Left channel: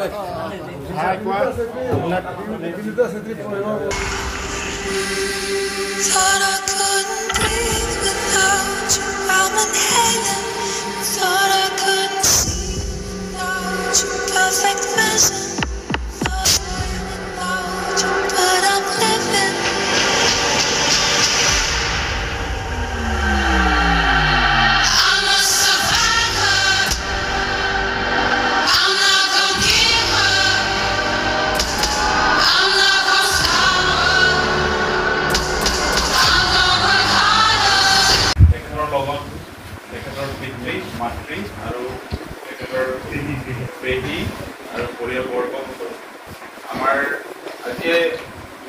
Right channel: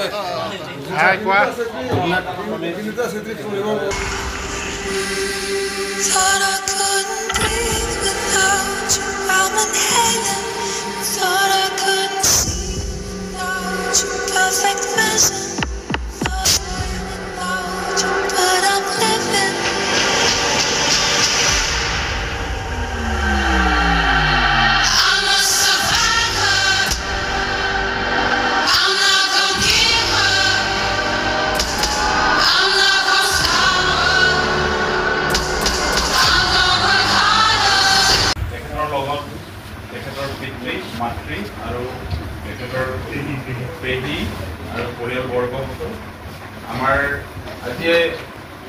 Thought I couldn't breathe without you. I'm inhaling. Thought I couldn't see without you. Perfect vision. Thought I without you, but I'm living. I'm a survivor. I'm not gonna give up. I'm not gonna stop. I'm gonna work harder. তেখেতৰ পিতৃ মাতৃ আৰু তেখেতৰ পেহী আৰু পৰিয়ালবৰ্গ আমাৰ আজি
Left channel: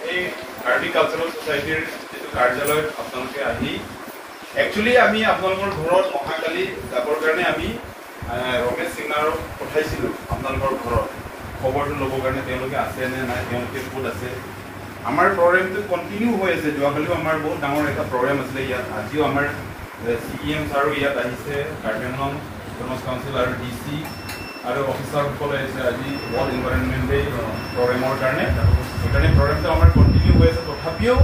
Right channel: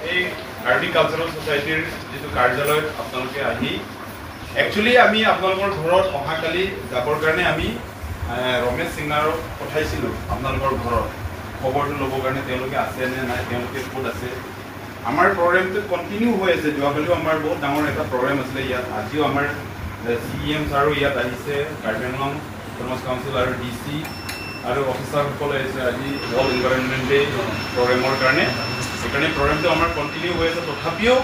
এই কাৰ্বি কালচাৰেল ছ'চাইটিৰ যিটো কাৰ্যালয়ত আপোনালোকে আহি একচুৱেলি আমি আপোনালোকৰ ঘৰত অহাকালি যাবৰ কাৰণে আমি ৰমেশ সিঙাৰক পঠাইছিলোঁ আপোনালোকৰ ঘৰত খবৰটো ল'বৰ কাৰণে তেওঁলোকে আছে নে নাই তেওঁলোকে ক'ত আছে আমাৰ প্ৰগ্ৰেমটো কণ্টিনিউ হৈ আছে যোৱাকালিও আমাৰ বহুত ডাঙৰ এটা প্ৰগ্ৰেম আছিলে ইয়াত আজিও আমাৰ CPM ছাৰো ইয়াত আহিছে গাৰ্ডেনং কমাৰ্চ কাউন্সিল আৰু DC আৰু অফিচাৰসকলে আহিছে আজি ৱৰ্ল্ড এনভাইৰনমেণ্ট ডে প্ৰগ্ৰেমৰ কাৰণে সেইকাৰণে প্ৰগ্ৰেমটো আমাৰ কণ্টিনিউ হৈ আছে তথাপিও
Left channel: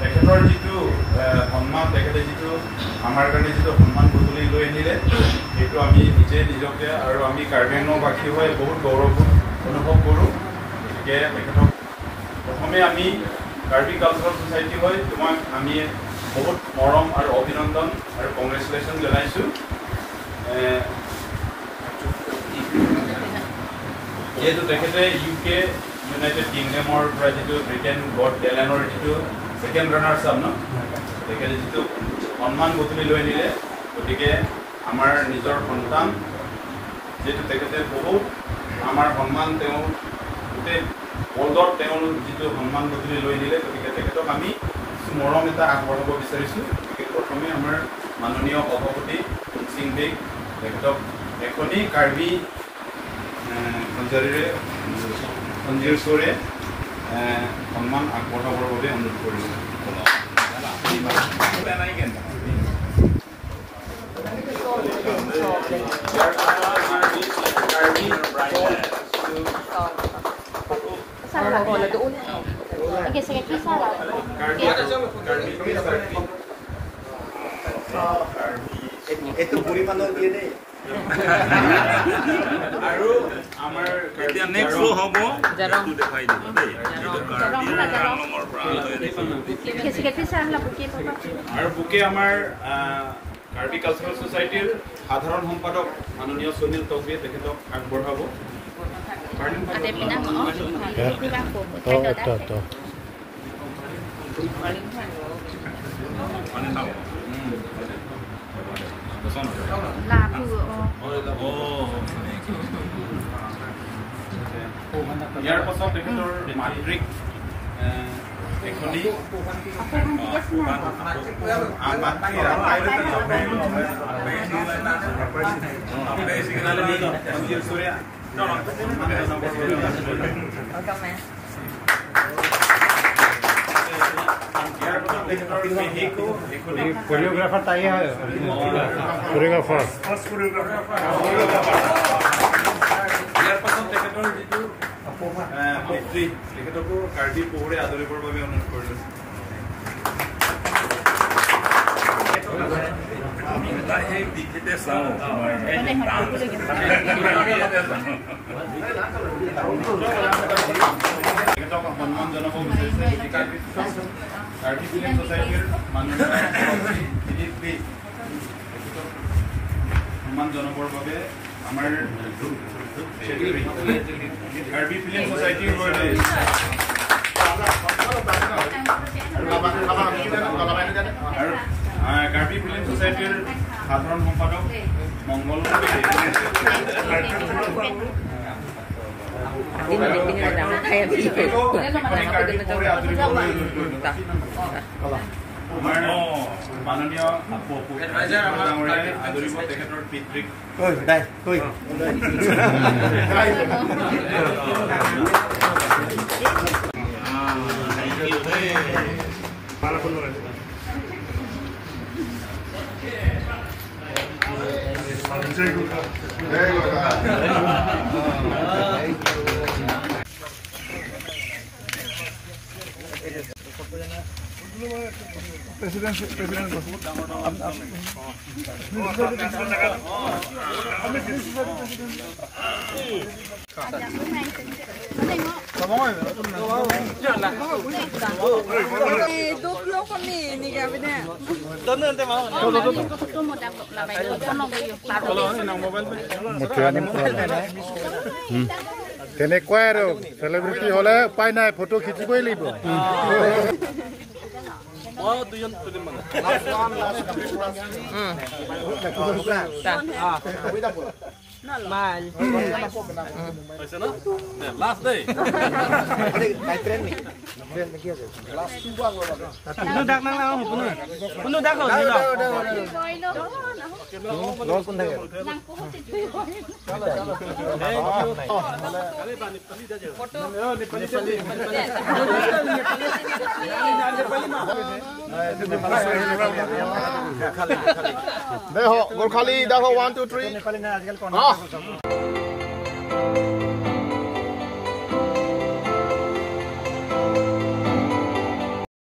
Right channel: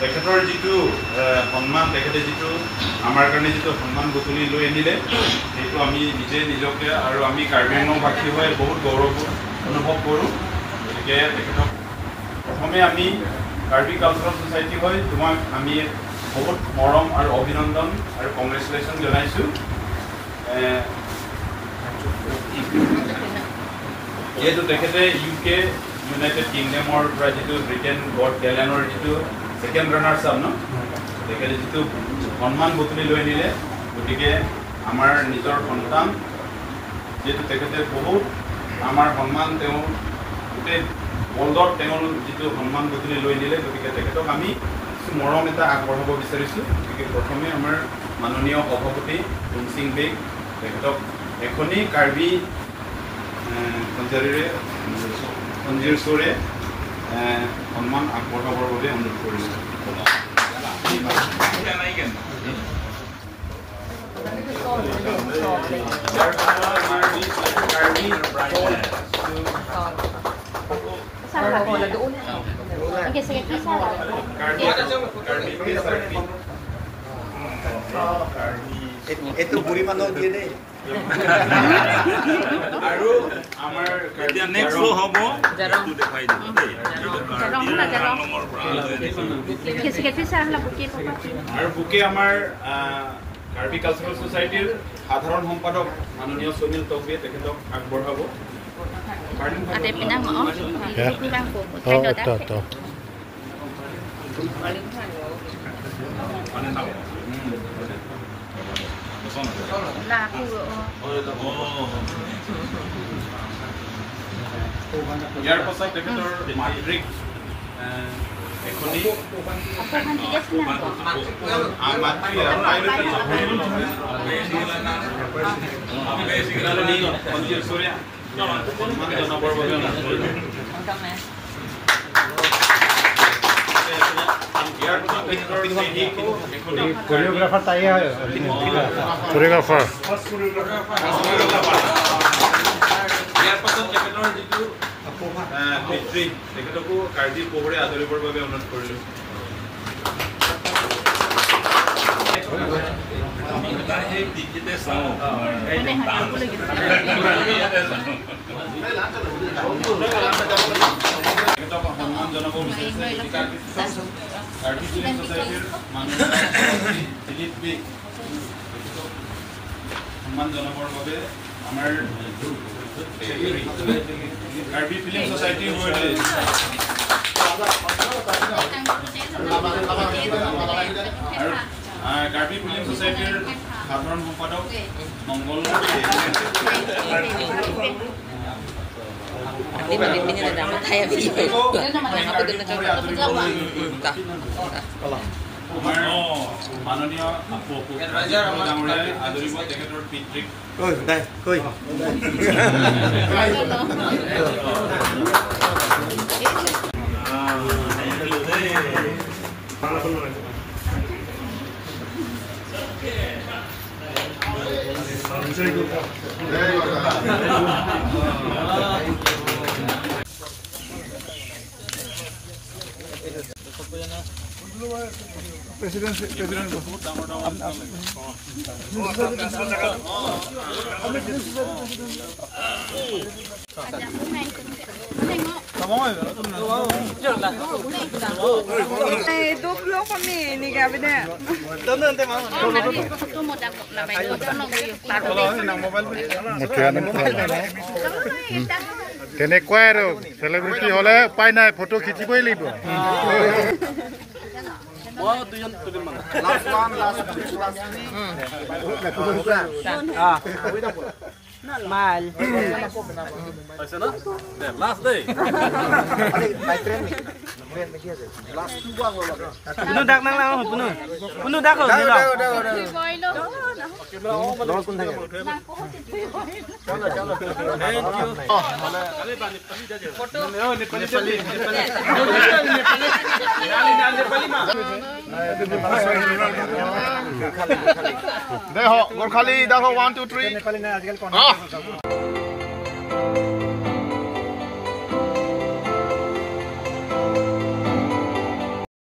তেখেতৰ যিটো সন্মান তেখেতে যিটো আমাৰ কাৰণে যিটো সন্মান গধূলি লৈ আনিলে সেইটো আমি নিজে নিজকে আৰু আমি কাৰ্বি আংলংবাসী হৈ বহুত গৌৰৱ অনুভৱ কৰোঁ গতিকে তেখেতক প্ৰথমে আমি কাৰ্বি কালচাৰেল ছ'চাইটি হৈ তোমাক আমি বহুত মৰম আৰু অভিনন্দন আৰু কংগ্ৰেচুলেশ্যন জনাইছোঁ যিহেতু তেখেতে UK ইউনাইটেড কিংডমৰ পৰা যিটো ব্ৰিটেইন গড এয়াৰলাইনৰ যিটো ছেকেণ্ড ৰানাৰ্ছ আপ ন তেখেতে যিটো সন্মান গধূলি লৈ আনিলে গতিকে আমাৰ নিজৰ সন্তান যিহেতু তেখেতে বহুত আমাৰ সন্মান তেওঁ গোটেই ৱৰ্ল্ডত তেওঁৰ যিটো সন্মান গধূলি লৈ আনিলে গতিকে তেখেতক আমি মৰম এটা আগবঢ়াব বিচাৰিছোঁ গতিকে প্ৰথমে আমাৰ মাননীয় সভাপতি সিং বেগ তেখেতক এখনি কাৰ্বি সঞ্জীৰ চৰে সন্মান আগবঢ়াবৰ বাবে অনুৰোধ কৰিছোঁ itu buri panau dia deh. আৰু আমাৰ নেক্সট শ্ব' হ'ব এইটো দেখাই দিব দেই আৰু বুকে আমাৰ কাৰ্বি কালচাৰেল ছ'চাইটিৰ সাধাৰণ সম্পাদক মাননীয় সুনীল টকবিয়ে তেখেতক আগবঢ়াব ইয়াৰ পাছত তেখেতৰ মাতৃক এখনি कोरियोग्राफर ताई है कोरियोग्राफर ইয়াৰ পাছত তেখেতৰ যিটো পিতৃ তেখেতকো কাৰ্বি পহুৰে আদৰিবৰ বাবে অনুৰোধ কৰিলোঁ তেখেতক সন্মান জনাব বিচাৰিছে কাৰ্বি ফিল্ম ছ'চাইটিৰ মাননীয় দিলীপ বি তেখেতক সন্মান জনাবৰ বাবে আমাৰ কাৰ্বি ফিল্ম ছ'চাইটিৰ আৰু কাৰ্বি ফিল্ম ছ'চাইটিৰ সাধাৰণ সম্পাদক মংগল মাননীয় আদৰিব তেখেতৰ পিতৃক Very good. তেনেকুৱাই আৰু চেলিব্ৰিটি হ'লে উপায় নাই ফটো খিচিবই লাগিব Last day. Puno dak nang lang puno. Puno dak lo. Lo kun থাকে. देखो गोरखाली देखो 1 2 3 नेपाली ना आजकल कौन